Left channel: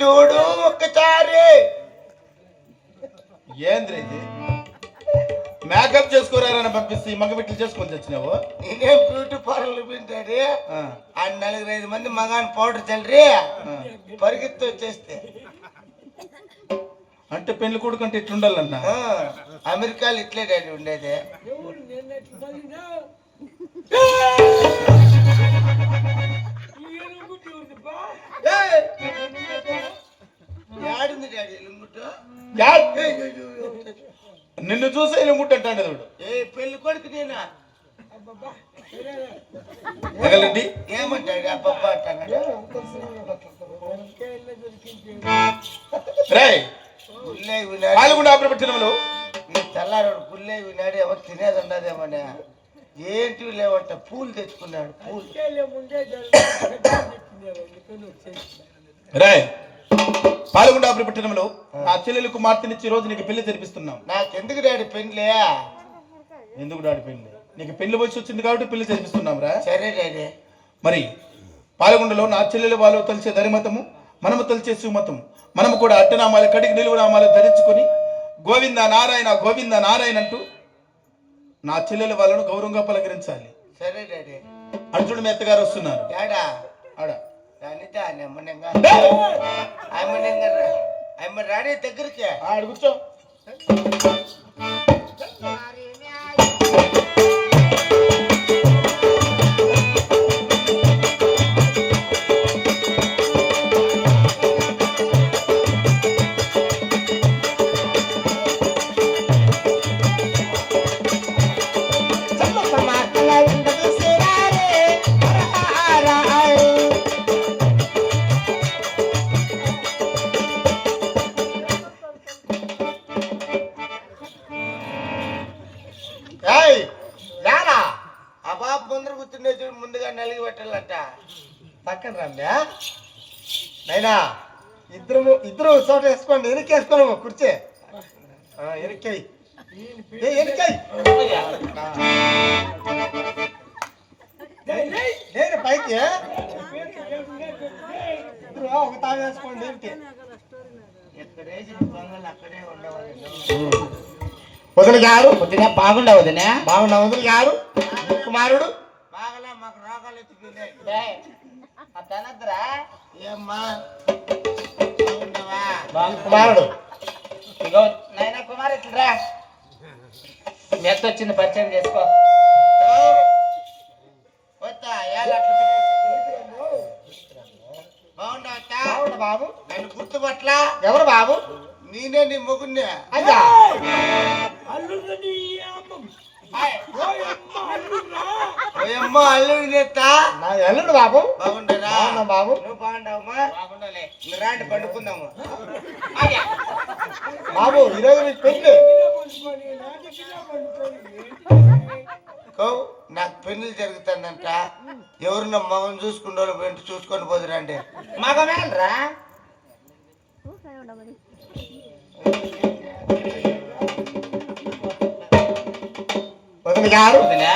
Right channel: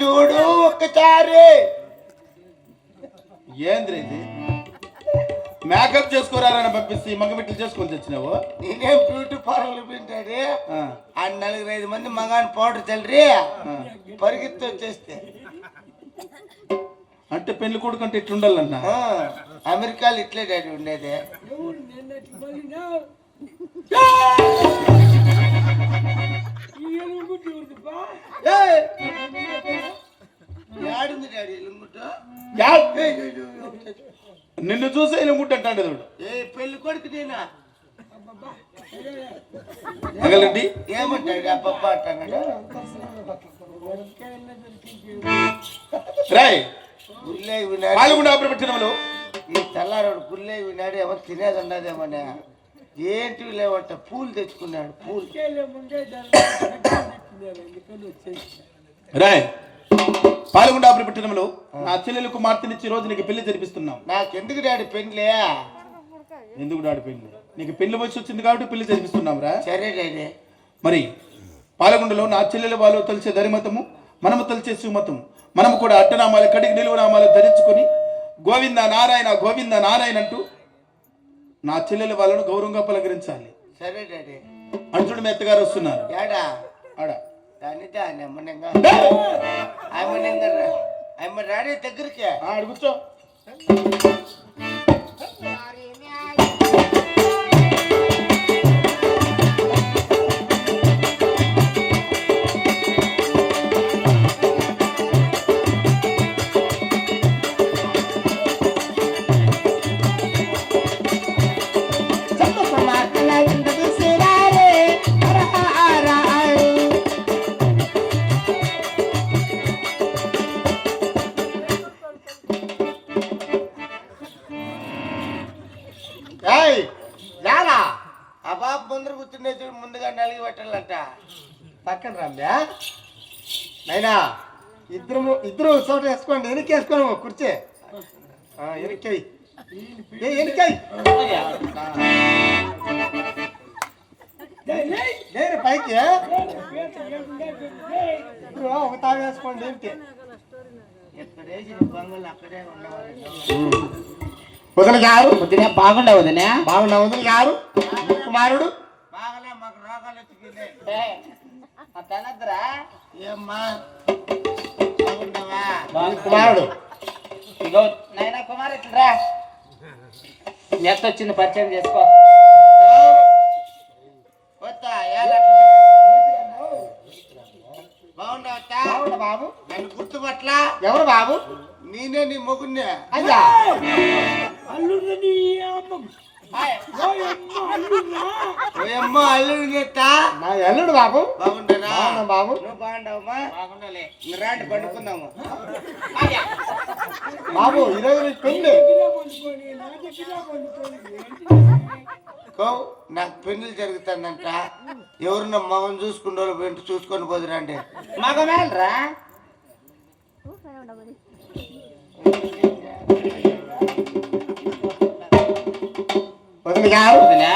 చూడు ఒక్కసారి. ఏంద్రీ ఇది? మేకప్ చేసుకోరారని పంపిస్తే మగ బిడ్డలు చేసుకొని తెచ్చినావు. నేనేం బ్యూటీ పార్లర్ పెట్టాడు. ఆ 4-5 మంది మగాని పౌడర్ చల్లి పరిగెత్తి వచ్చేస్తే అంటే పెళ్లి కొడుకు అంటే ఇట్లుండాలన్నా. అమెరికాలో ఇట్లే డాడీ ఉండేది. యాడుంది డాడీ ఎలుగుట్టు? నిన్ను చూసే ఎలుగుట్టు అంటాడు. ఏ పెళ్లి కొడుకు నేనా? మగలండి ఏమంటాడు? అబ్బబ్బా అంటాడు. రాయ్ గుల్లే వినాడు. పాల్గొండ ఆపరపట్టినంలో ఈ తెల్లారాడు గుల్లే వినాడు. ఎవరు తినేది ఉండదేమోనే. ఏంటి లేవంట పూలు తెచ్చుకున్నాడు. పూలు రాయ్ పాల్గొండ ఆపరపట్టినంలో నా చెల్లెలు కుమార్తెనిచ్చి రోజు నీకు పెళ్లి జరిపిస్తున్నాం. నాకెందుకు డాడీ పెళ్లి? ఎందుకు డాడీ పెళ్లి? నీకు పెళ్లి వయసు వచ్చింది కాబట్టి పెళ్లి జరిపిస్తున్నాం రా. సరే డాడీ. మరి పాల్గొండలో నా చెల్లెలు వాళ్ళు తలిచే ధరిమతము, మనము తలిచే సుమతము, మనము కూడా అట్టనామాలు కడిగి నిలువునామాలు ధరించుకొని గోవింద నారాయణ అంటూ నా చెల్లెల వాళ్ళను గౌరవంగా పలకరించాలి. సరే డాడీ. అంటుడు మీ అత్తగారు వస్తున్నారు. ఏడా ఆడ రాడే దగ్గరికి కూర్చో. ముందుగా నలిగి పెట్టాలంట. పక్కన రమ్యా నైనా ఇద్దరు చోట వేసుకోండి. వెనక్కి వేసుకోను కుర్చీ వెనక్కి నేను పైకి ఇద్దరు ఒక తాగు వేసుకోండి. ఏంటి అక్కడే ఉండవాలి. వదిన గారు బాగుండా వదిన? బాగున్నా వదిన గారు. కుమారుడు బాగలే, మాకు రోగాలు ఎత్తుకునే. ఏమ్మా బాగుండవా? కుమారుడు ఇగో నైనా కుమార్ ఇట్లా నెత్త వచ్చింది, పరిచయం చేసుకో. బాగుండవా బాబు? నన్ను గుర్తుపట్ల? ఎవరు బాబు? నేనే నీ మొగున్నే. అయ్యా ఓయమ్మ అల్లుడు చేస్తా. నా అల్లుడు బాబు. బాగుండరా బాబు? నువ్వు బాగుండవమ్మా? బాగుండాలి. రాండి పండుకుందాము. బాబు ఈరోజు నీకు పెళ్లి. నాకు పెళ్లి జరుగుతానంట. ఎవరున్నా మగం చూసుకుంటూ వెంట చూసుకొని పోదురండి. మగమేలరా వదిన గారు వదినా?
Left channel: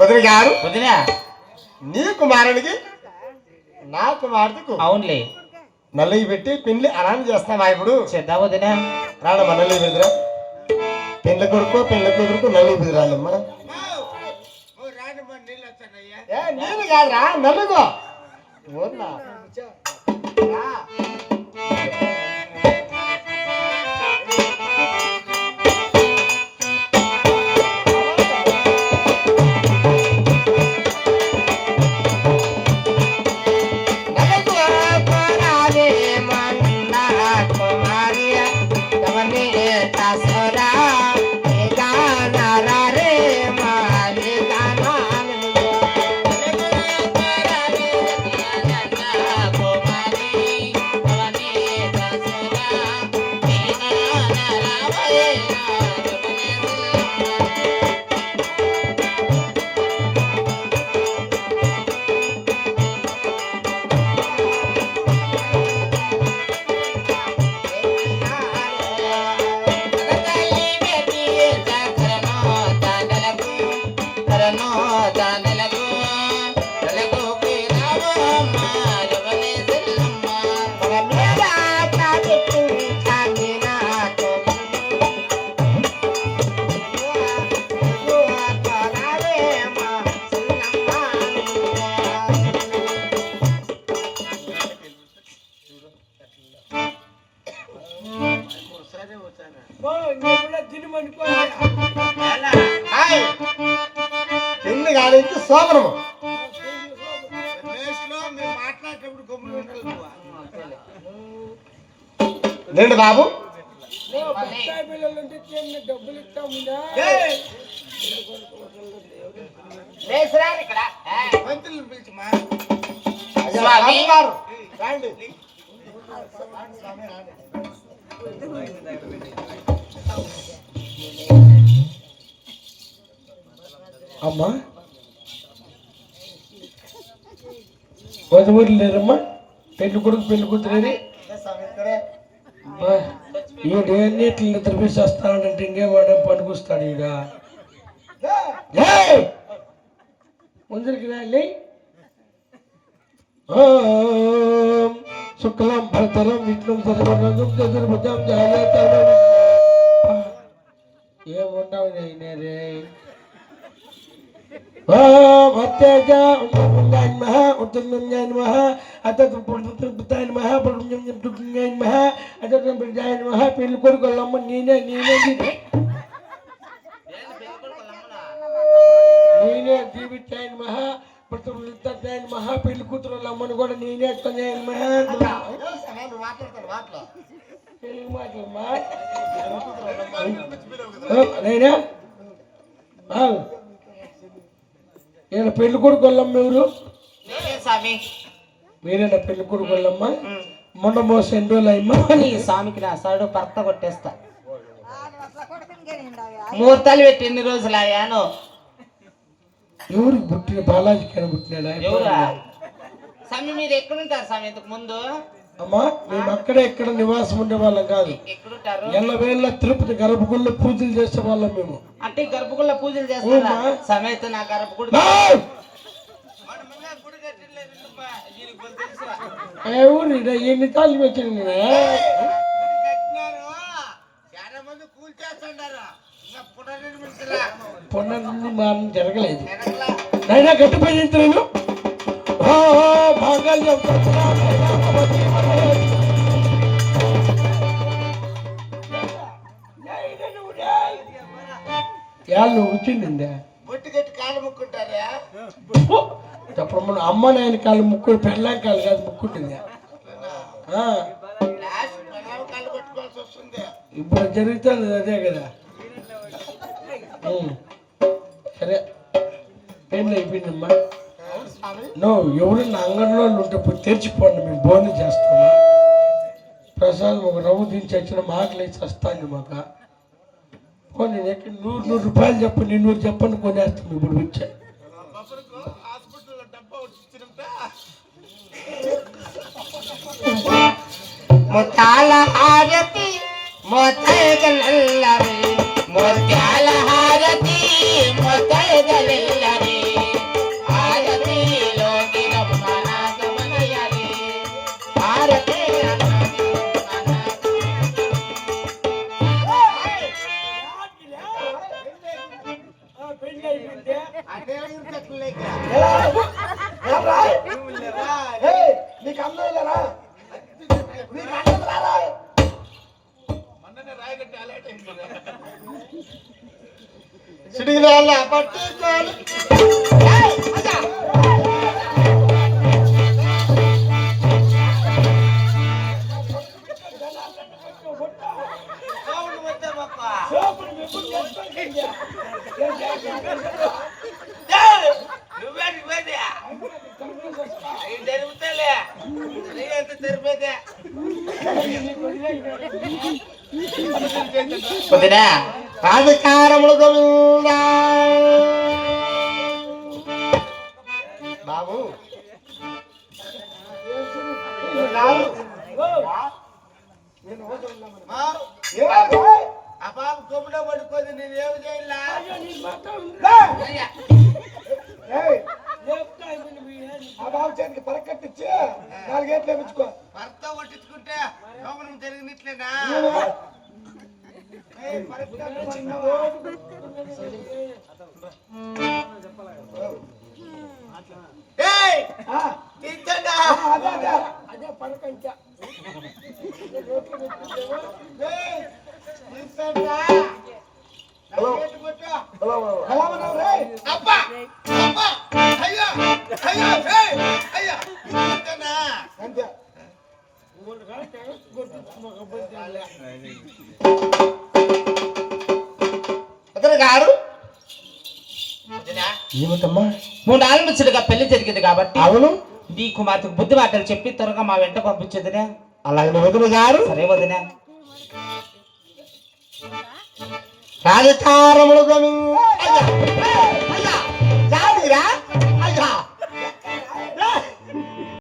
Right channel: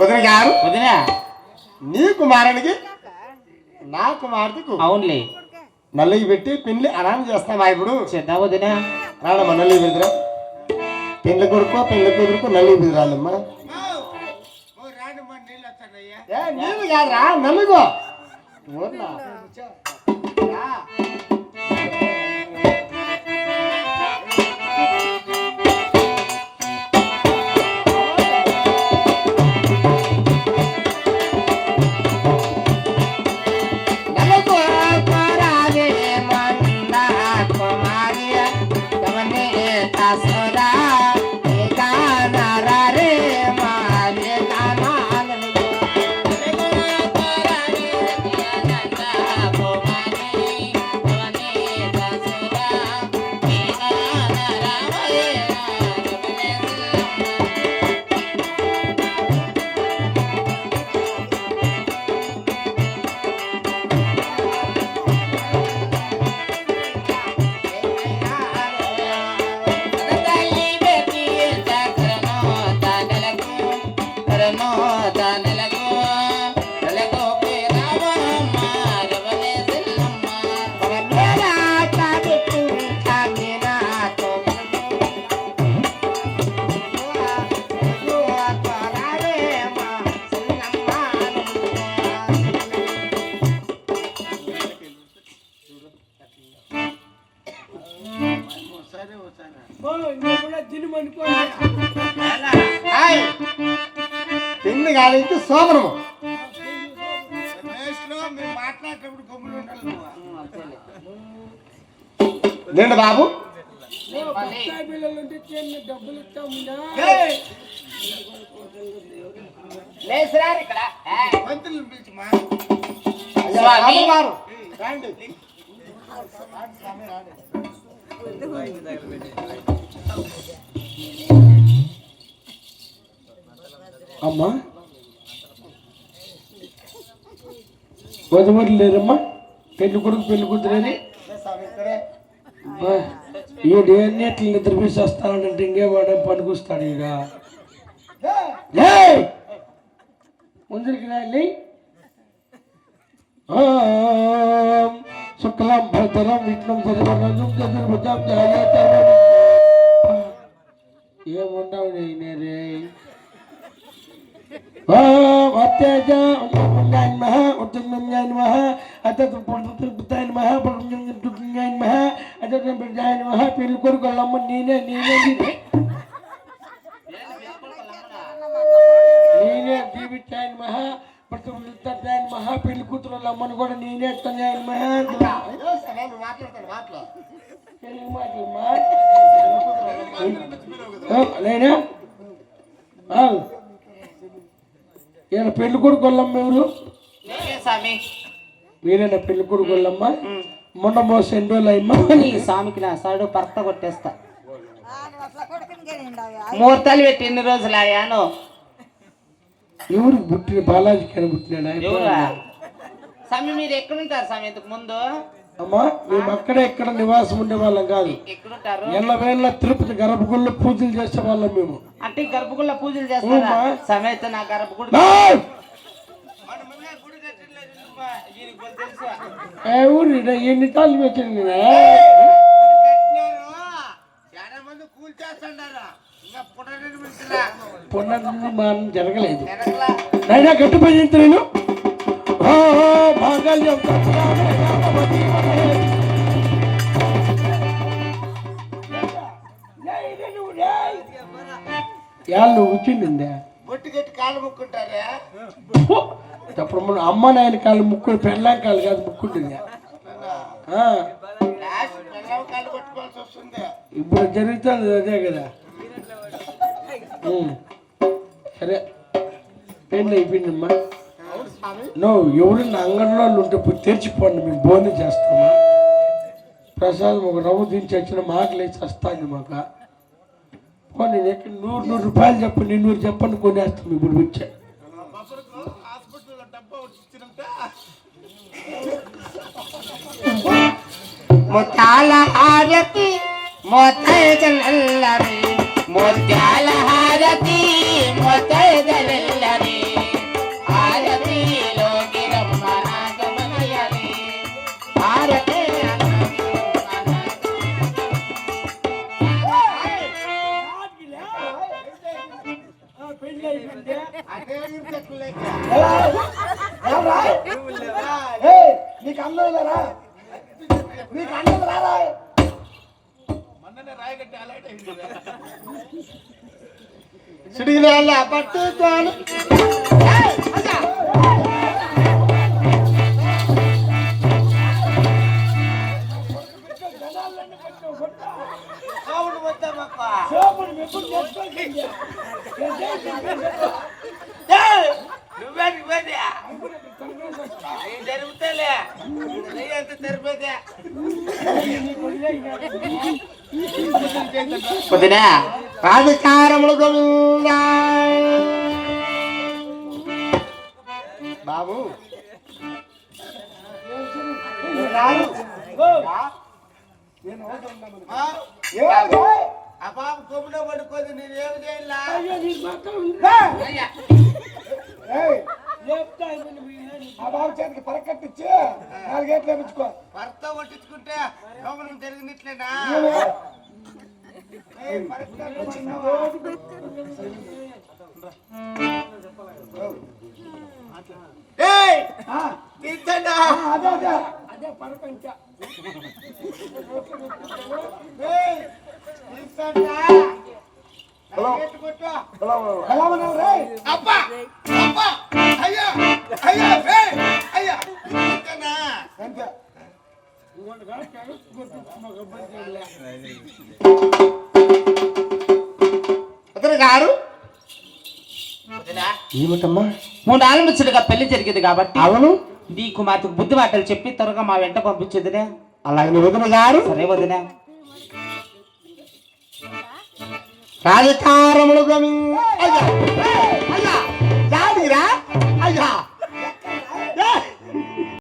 వదిన గారు వదినా నీ కుమారునికి నా కుమార్తెకు అవునులే నల్లికి పెట్టి పెళ్లి ఆరాం చేస్తామా? ఇప్పుడు చేద్దాం వదినా. రాడమ్మా నల్లి బెదిరా. పెళ్లి కొడుకో పెళ్లి కుదురుకో నల్లి బెదిరాలమ్మా. నీళ్ళు వస్తానయ్యా. నీళ్ళు కాదురా నల్లుగో. నెలకు నెలకు రామమ్మ రవణే సెల్లమ్మ వన్నెలా తాకెట్టు తాకినాతో పెళ్లి కాలేదు సోమరము మేస్లో మీరు మాట్లాడేటప్పుడు గమ్ములు ఉండాలి నువ్వు. లేండి బాబు ఏయ్, లేచిరారు ఇక్కడ మంత్రులను పిలిచిమా. స్వామి గారు రండి అమ్మా వధువులు లేరమ్మా పెళ్లి కొడుకు పెళ్లి కూతురని ఈడు ఎన్నిట్లు నిద్రపిస్తానంటే ఇంకేవాడే పనికొస్తాడు ఈడ ముందరికి రాలి శుక్లం భరతరం విష్ణం సర్వనం చతుర్భుజం జాగ్రత్త ఏముండవు నేనే అత్యజ మహా ఉత్తన్యాయ నమః అతత్ పుత్రాయ నమః పుత్రాయ నమః అతత్ బిడ్డాయ నమః పెళ్లి కొడుకులమ్మ నేనే దీవితాయ నమః పుత్రాయ నమః పెళ్లి కూతురులమ్మని కూడా నేనే తనయాయ నమః తెలుగు మాటలమ్మా నేనా ఈయన పెళ్లి కొడుకు వాళ్ళమ్మ ఎవరు స్వామి మీరేనా పెళ్లి కొడుకు వాళ్ళమ్మ మొన్న మోసం ఎన్ని రోజులు అయ్యమ్మా ఈ స్వామికి నా సైడు పర్త కొట్టేస్తా ముహూర్తాలు పెట్టి ఎన్ని రోజులు అయ్యాను ఎవరికి పుట్టిన బాలాజీకి అని పుట్టినాడా ఎవరా స్వామి మీరు ఎక్కడుంటారు స్వామి ఇంతకు ముందు అమ్మా మేము అక్కడే ఎక్కడ నివాసం ఉండే వాళ్ళం కాదు ఎక్కడుంటారు ఎల్లవేళ తిరుపతి గర్భగుడిలో పూజలు చేసే వాళ్ళం మేము అంటే గర్భగుడిలో పూజలు చేస్తారా సమేత నా గర్భగుడి ఏయ్! ఎవరు ఎన్ని తాళ్ళు పెట్టింది చాలా మంది కూల్ చేస్తుండారు. ఇంకా పుట్టని మించలా. పొన్న మనం జరగలేదు వెనకలా అయినా గట్టిపోయి నేను భాగాలు వాళ్ళు వచ్చింది బొట్టు కట్టి కాళ్ళు ముక్కుంటారా? అప్పుడు మన అమ్మ నాయన కాళ్ళు ముక్కు పెళ్ళాం కాళ్ళు కాదు ముక్కుంటుంది లాస్ట్ పిల్లలు కాళ్ళు పట్టుకోవాల్సి వస్తుంది. ఇప్పుడు జరుగుతుంది అదే కదా సరే పెళ్ళి అయిపోయిందమ్మా నువ్వు ఎవరైనా అంగన్లో ఉంటే పోయి తెరిచిపోండి మేము బోని చేస్తామా ప్రసాదం ఒక రవ్వు దించి వచ్చిన మాకు లేచి వస్తాను మాకు పోనీ ఎక్కడ 100 రూపాయలు చెప్పు 200 చెప్పండి కొనేస్తాం ఇప్పుడు వచ్చా హాస్పిటల్లో డబ్బా వచ్చినంత ముత్యాల హారతి మోతైదలల్లరి ముత్యాల హారతి మోతైదలల్లరి హారతిలో దిరమ్మనాగమనయరి హారతి అదే ఇంతకులేక నీకు అందరూ లేరా నీకు అందరూ రారా సిడిల పట్టుకోని సోముడు వద్దామప్ప. నువ్వేది జరుగుతాలే ఎంత తెరిపేదే వదినా రాజకారములు గోవిందా బాబు ఆ బాబు కొమ్ములో పడుకోదు నేనేమి చేయాలా? ఆ బాబు చేతికి పరకట్టించి 4 గేట్లు వేయించుకో. భర్త కొట్టించుకుంటే లోపల జరిగినట్లేనా అదే పరకంచ ఎలా ఉన్నావు రే? అబ్బా అబ్బా అయ్యో అయ్యో అయ్యో అంతే అతను గారు ఏమిటమ్మా? 3 ఆళ్ళ ముచ్చటగా పెళ్లి జరిగింది కాబట్టి అవును, నీ కుమార్తెకు బుద్ధి మాటలు చెప్పి త్వరగా మా వెంట పంపించదునే. అలాగే వదిన గారు సరే వదినా. రాజకారములు